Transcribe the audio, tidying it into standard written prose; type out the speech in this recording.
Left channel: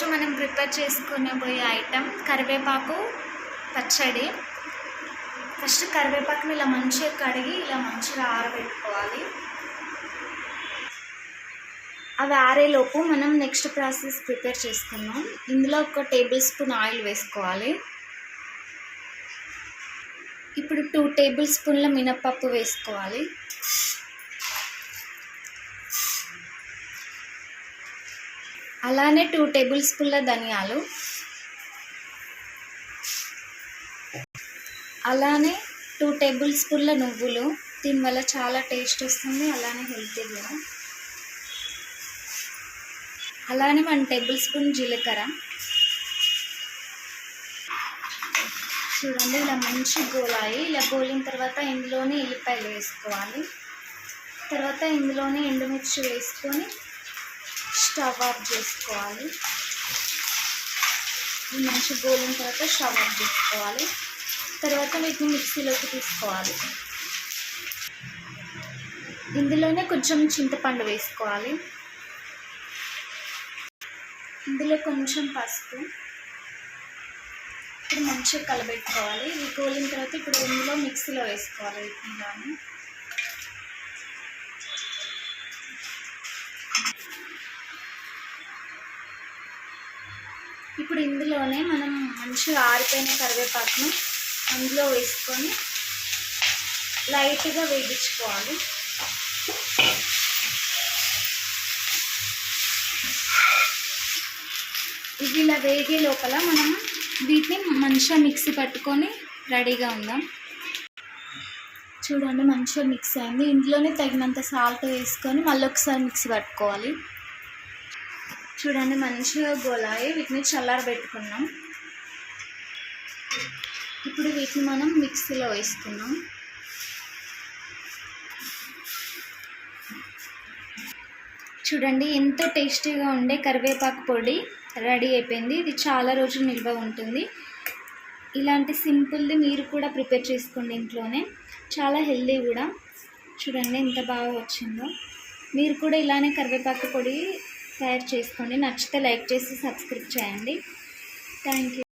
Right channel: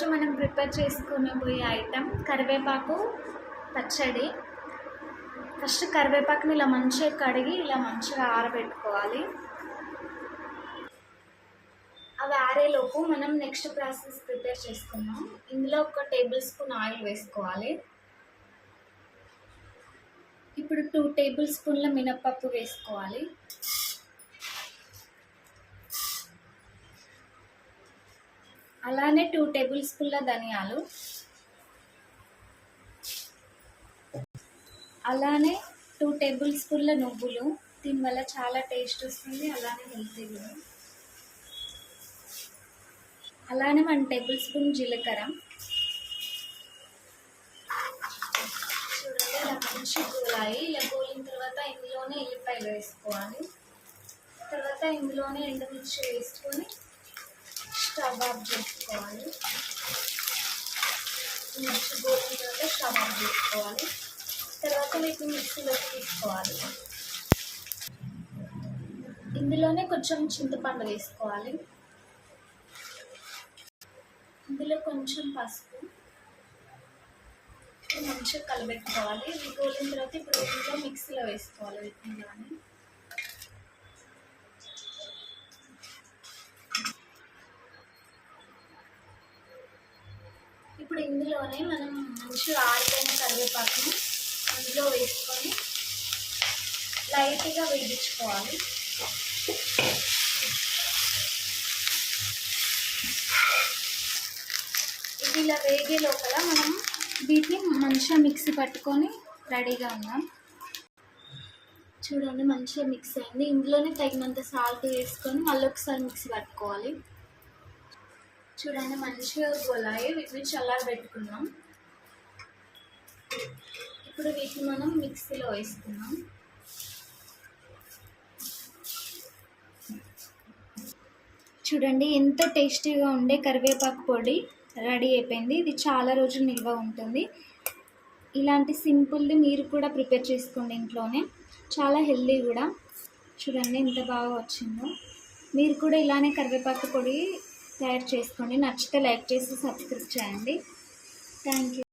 ఈరోజు మనం prepare చేసుకునబోయే item కరివేపాకు పచ్చడి. ఫస్ట్ కరివేపాకుని ఇలా మంచిగా కడిగి ఇలా మంచిగా ఆరబెట్టుకోవాలి. అవి ఆరేలోపు మనం నెక్స్ట్ ప్రాసెస్ ప్రిపేర్ చేసుకుందాం. ఇందులో 1 టేబుల్ స్పూన్ ఆయిల్ వేసుకోవాలి. ఇప్పుడు 2 టేబుల్ స్పూన్ల మినపప్పు వేసుకోవాలి. అలానే 2 టేబుల్ స్పూన్ల ధనియాలు, అలానే 2 టేబుల్ స్పూన్ల నువ్వులు. దీనివల్ల చాలా టేస్ట్ వస్తుంది, అలానే హెల్తీ కూడా. అలానే 1 టేబుల్ స్పూన్ జీలకర్ర. చూడండి ఇలా మంచి గోలాయి. ఇలా గోలిన తర్వాత ఇందులోనే ఎల్లిపాయలు వేసుకోవాలి. తర్వాత ఇందులోనే ఎండుమిర్చి వేసుకొని స్టవ్ ఆఫ్ చేసుకోవాలి. మంచి గోలిన తర్వాత స్టవ్ ఆఫ్ చేసుకోవాలి. తర్వాత వీటిని మిక్సీలోకి తీసుకోవాలి. ఇందులోనే కొంచెం చింతపండు వేసుకోవాలి. ఇందులో కొంచెం పసుపు. ఇప్పుడు మంచిగా కలబెట్టుకోవాలి. ఇవి గోలిన తర్వాత ఇప్పుడు ఇందులో మిక్సీలో వేసుకోవాలి వీటిని. ఇప్పుడు ఇందులోనే మనం మంచిగా ఆరిపోయిన కరివేపాకుని అందులో వేసుకొని లైట్గా వేగించుకోవాలి. ఇది ఇలా వేగి లోపల మనం వీటిని మంచిగా మిక్సీ పట్టుకొని రెడీగా ఉందాం. చూడండి మంచిగా మిక్స్ అయింది. ఇందులోనే తగినంత సాల్ట్ వేసుకొని మళ్ళీ ఒకసారి మిక్సీ పట్టుకోవాలి. చూడండి మంచిగా గోలాయి. వీటిని చల్లారబెట్టుకున్నాం. ఇప్పుడు వీటిని మనం మిక్సీలో వేసుకున్నాం. చూడండి ఎంత టేస్టీగా ఉండే కరివేపాకు పొడి రెడీ అయిపోయింది. ఇది చాలా రోజులు నిల్వ ఉంటుంది. ఇలాంటి సింపుల్ది మీరు కూడా ప్రిపేర్ చేసుకోండి ఇంట్లోనే. చాలా హెల్దీ కూడా. చూడండి ఎంత బాగా వచ్చిందో. మీరు కూడా ఇలానే కరివేపాకు పొడి తయారు చేసుకోండి. నచ్చితే లైక్ చేసి సబ్స్క్రైబ్ చేయండి. Thank you.